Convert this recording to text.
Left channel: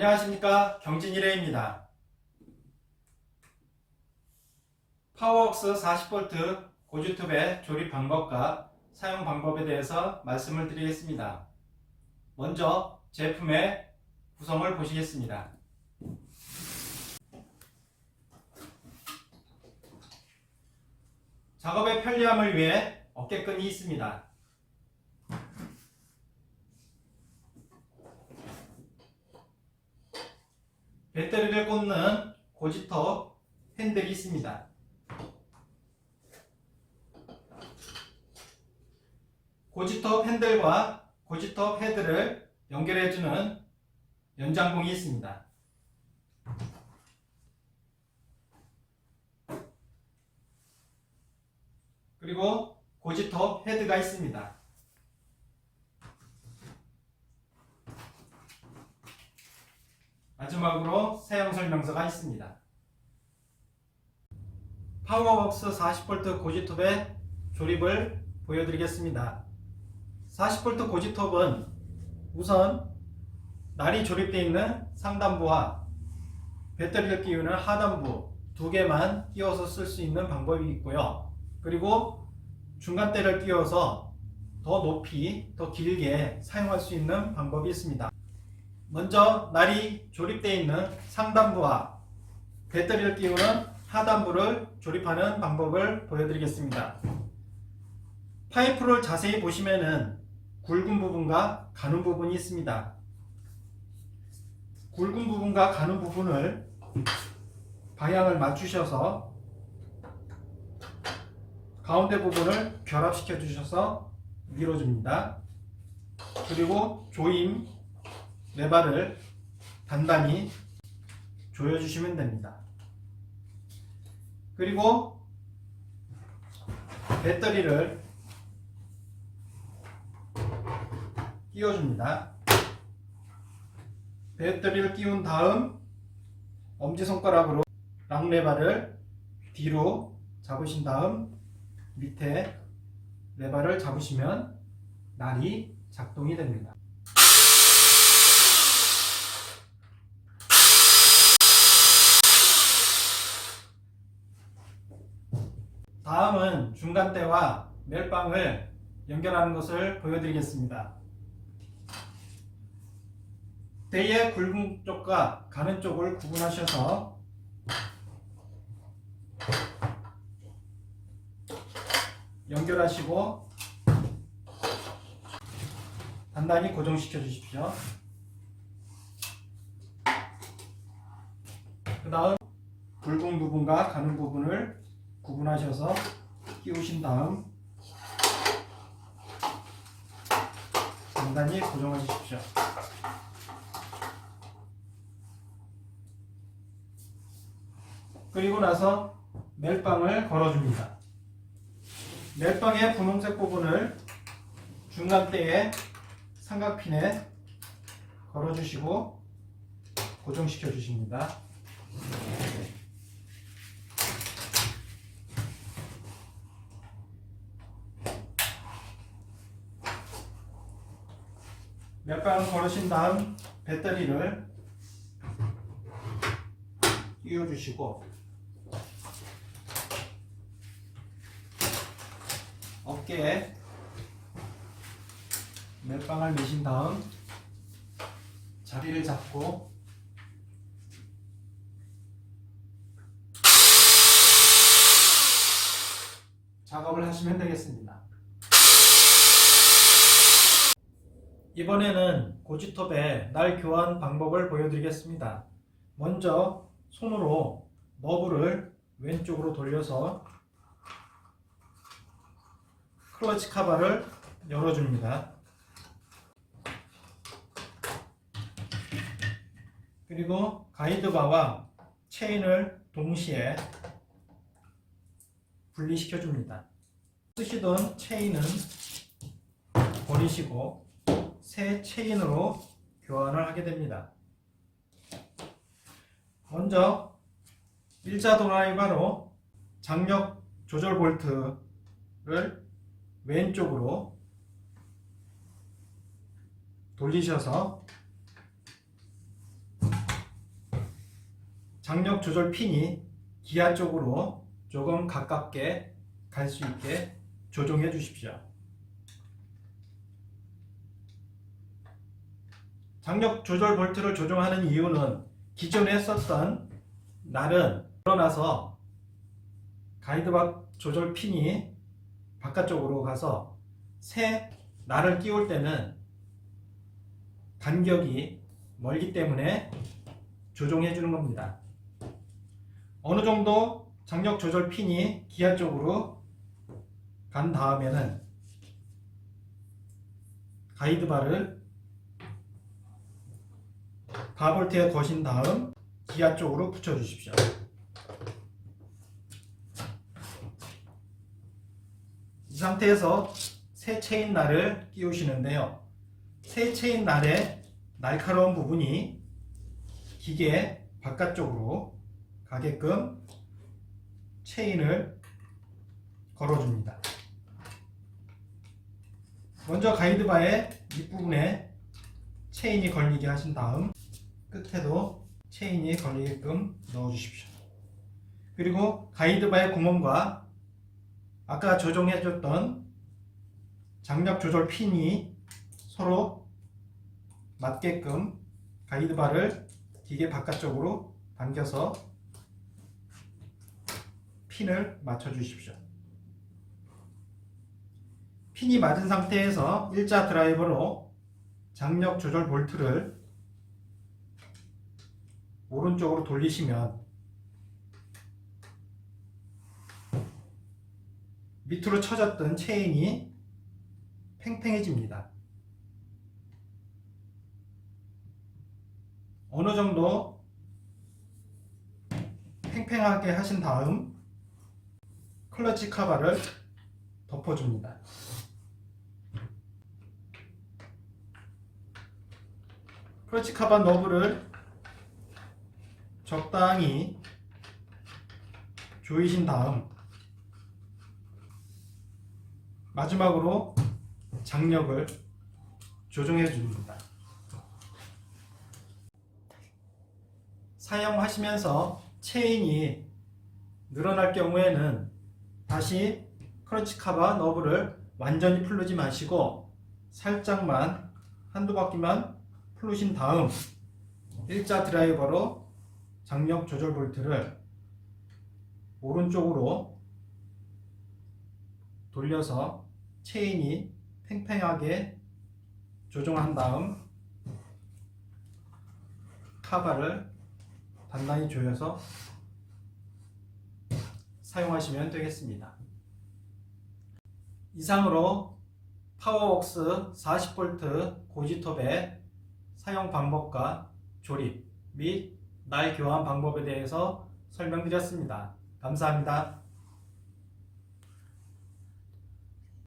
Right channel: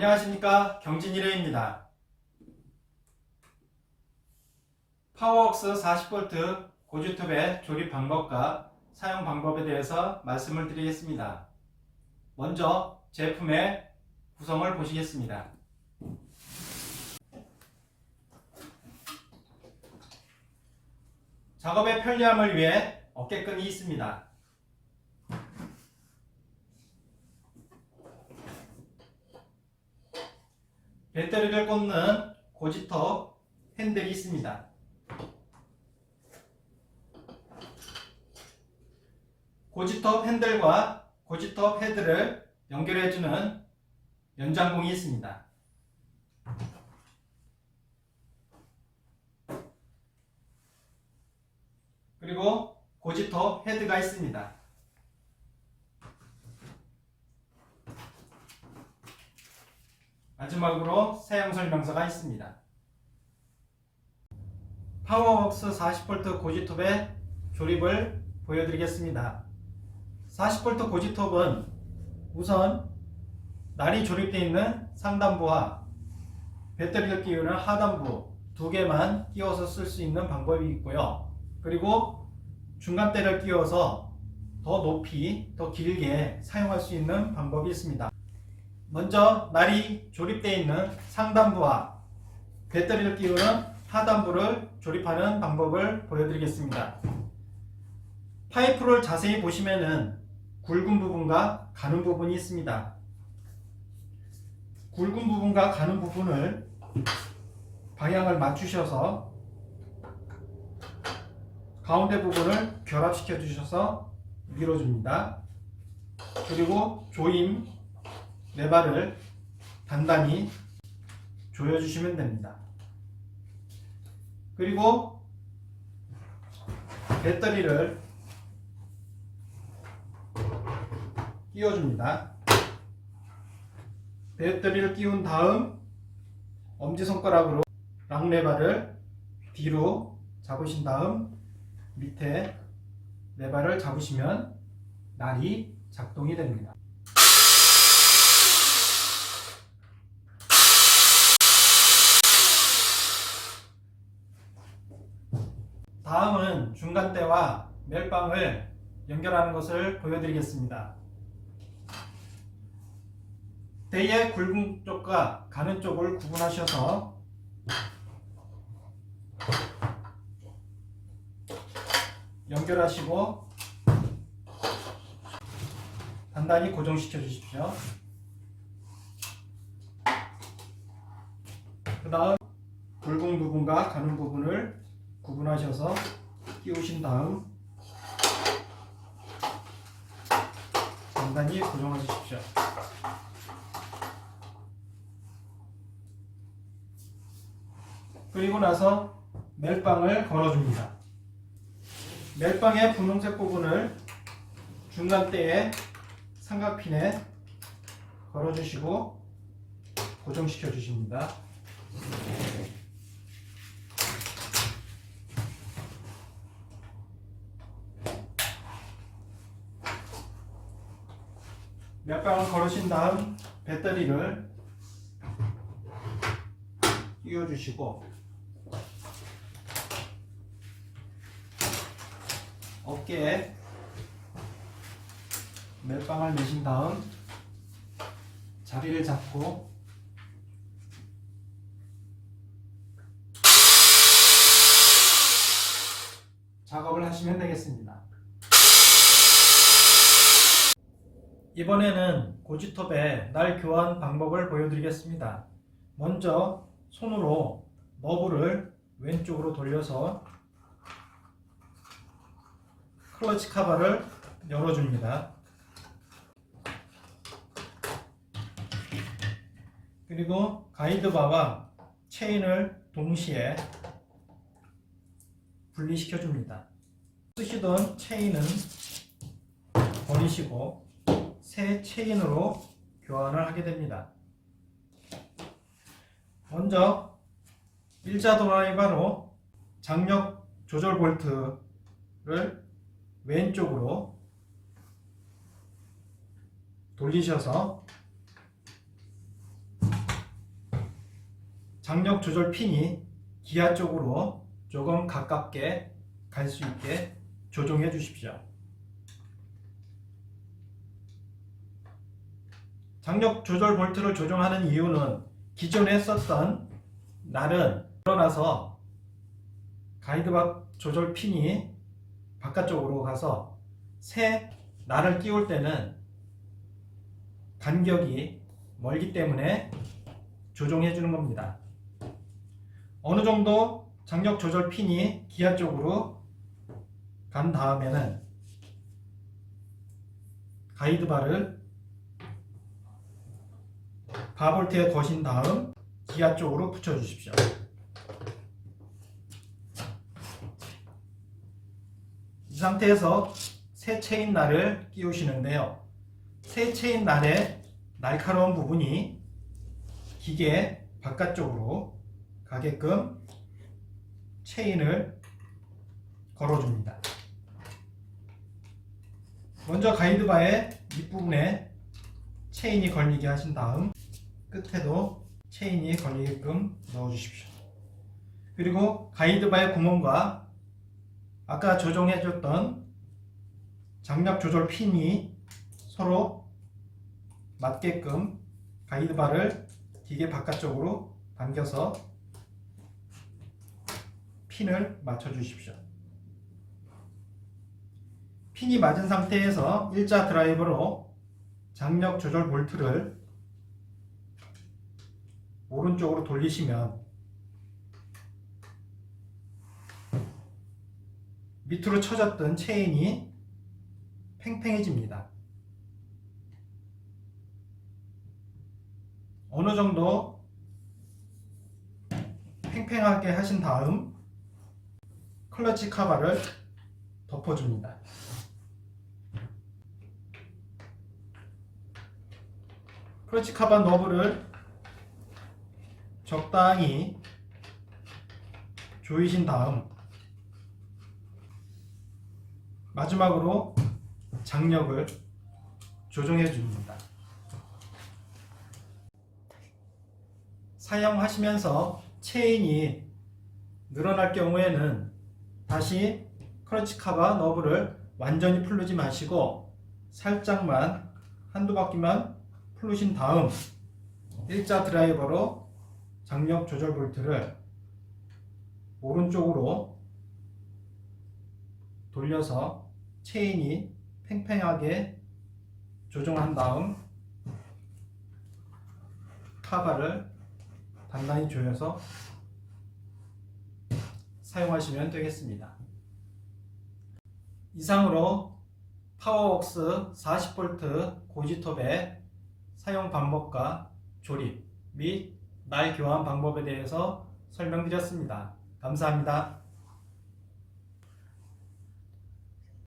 안녕하십니까 경진일회입니다. 파워웍스 40V 고주톱의 조립 방법과 사용 방법에 대해서 말씀을 드리겠습니다. 먼저 제품의 구성을 보시겠습니다. 작업의 편리함을 위해 어깨끈이 있습니다. 배터리를 꽂는 고지톱 핸들이 있습니다. 고지톱 핸들과 고지톱 헤드를 연결해주는 연장봉이 있습니다. 그리고 고지톱 헤드가 있습니다. 마지막으로 사용 설명서가 있습니다. 파워웍스 40V 고지톱의 조립을 보여드리겠습니다. 40V 고지톱은 우선 날이 조립되어 있는 상단부와 배터리를 끼우는 하단부 두 개만 끼워서 쓸 수 있는 방법이 있고요. 그리고 중간대를 끼워서 더 높이, 더 길게 사용할 수 있는 방법이 있습니다. 먼저 날이 조립되어 있는 상단부와 배터리를 끼우는 하단부를 조립하는 방법을 보여드리겠습니다. 파이프를 자세히 보시면은 굵은 부분과 가는 부분이 있습니다. 굵은 부분과 가는 부분을 방향을 맞추셔서 가운데 부분을 결합시켜 주셔서 밀어줍니다. 그리고 조임 레바를 단단히 조여주시면 됩니다. 그리고 배터리를 끼워줍니다. 배터리를 끼운 다음 엄지손가락으로 락레바를 뒤로 잡으신 다음 밑에 레바를 잡으시면 날이 작동이 됩니다. 다음은 중간대와 멜빵을 연결하는 것을 보여드리겠습니다. 대의 굵은 쪽과 가는 쪽을 구분하셔서 연결하시고 단단히 고정시켜 주십시오. 그 다음 굵은 부분과 가는 부분을 구분하셔서 끼우신 다음 단단히 고정해 주십시오. 그리고 나서 멜빵을 걸어줍니다. 멜빵의 분홍색 부분을 중간대에 삼각핀에 걸어주시고 고정시켜 주십니다. 멜빵을 걸으신 다음 배터리를 끼워주시고 어깨에 멜빵을 내신 다음 자리를 잡고 작업을 하시면 되겠습니다. 이번에는 고지톱의 날 교환 방법을 보여드리겠습니다. 먼저 손으로 너브를 왼쪽으로 돌려서 클러치 카바를 열어줍니다. 그리고 가이드바와 체인을 동시에 분리시켜 줍니다. 쓰시던 체인은 버리시고 새 체인으로 교환을 하게 됩니다. 먼저 일자 드라이버로 장력 조절 볼트를 왼쪽으로 돌리셔서 장력 조절 핀이 기아 쪽으로 조금 가깝게 갈 수 있게 조정해 주십시오. 장력 조절 볼트를 조정하는 이유는 기존에 썼던 날은 일어나서 가이드박 조절 핀이 바깥쪽으로 가서 새 날을 끼울 때는 간격이 멀기 때문에 조정해 주는 겁니다. 어느 정도 장력 조절 핀이 기아 쪽으로 간 다음에는 가이드바를 바볼트에 거신 다음 기아 쪽으로 붙여 주십시오. 이 상태에서 새 체인 날을 끼우시는데요. 새 체인 날의 날카로운 부분이 기계 바깥쪽으로 가게끔 체인을 걸어줍니다. 먼저 가이드바의 밑부분에 체인이 걸리게 하신 다음 끝에도 체인이 걸리게끔 넣어주십시오. 그리고 가이드바의 구멍과 아까 조정해줬던 장력 조절 핀이 서로 맞게끔 가이드바를 기계 바깥쪽으로 당겨서 핀을 맞춰 주십시오. 핀이 맞은 상태에서 일자 드라이버로 장력 조절 볼트를 오른쪽으로 돌리시면 밑으로 쳐졌던 체인이 팽팽해집니다. 어느 정도 팽팽하게 하신 다음 클러치 카바를 덮어줍니다. 클러치 카바 너브를 적당히 조이신 다음 마지막으로 장력을 조정해 줍니다. 사용하시면서 체인이 늘어날 경우에는 다시 크러치 카바 너브를 완전히 풀르지 마시고 살짝만 한두 바퀴만 풀르신 다음 일자 드라이버로 장력 조절 볼트를 오른쪽으로 돌려서 체인이 팽팽하게 조정한 다음 카바를 단단히 조여서 사용하시면 되겠습니다. 이상으로 파워웍스 40V 고지톱의 사용 방법과 조립 및 날 교환 방법에 대해서 설명드렸습니다. 감사합니다.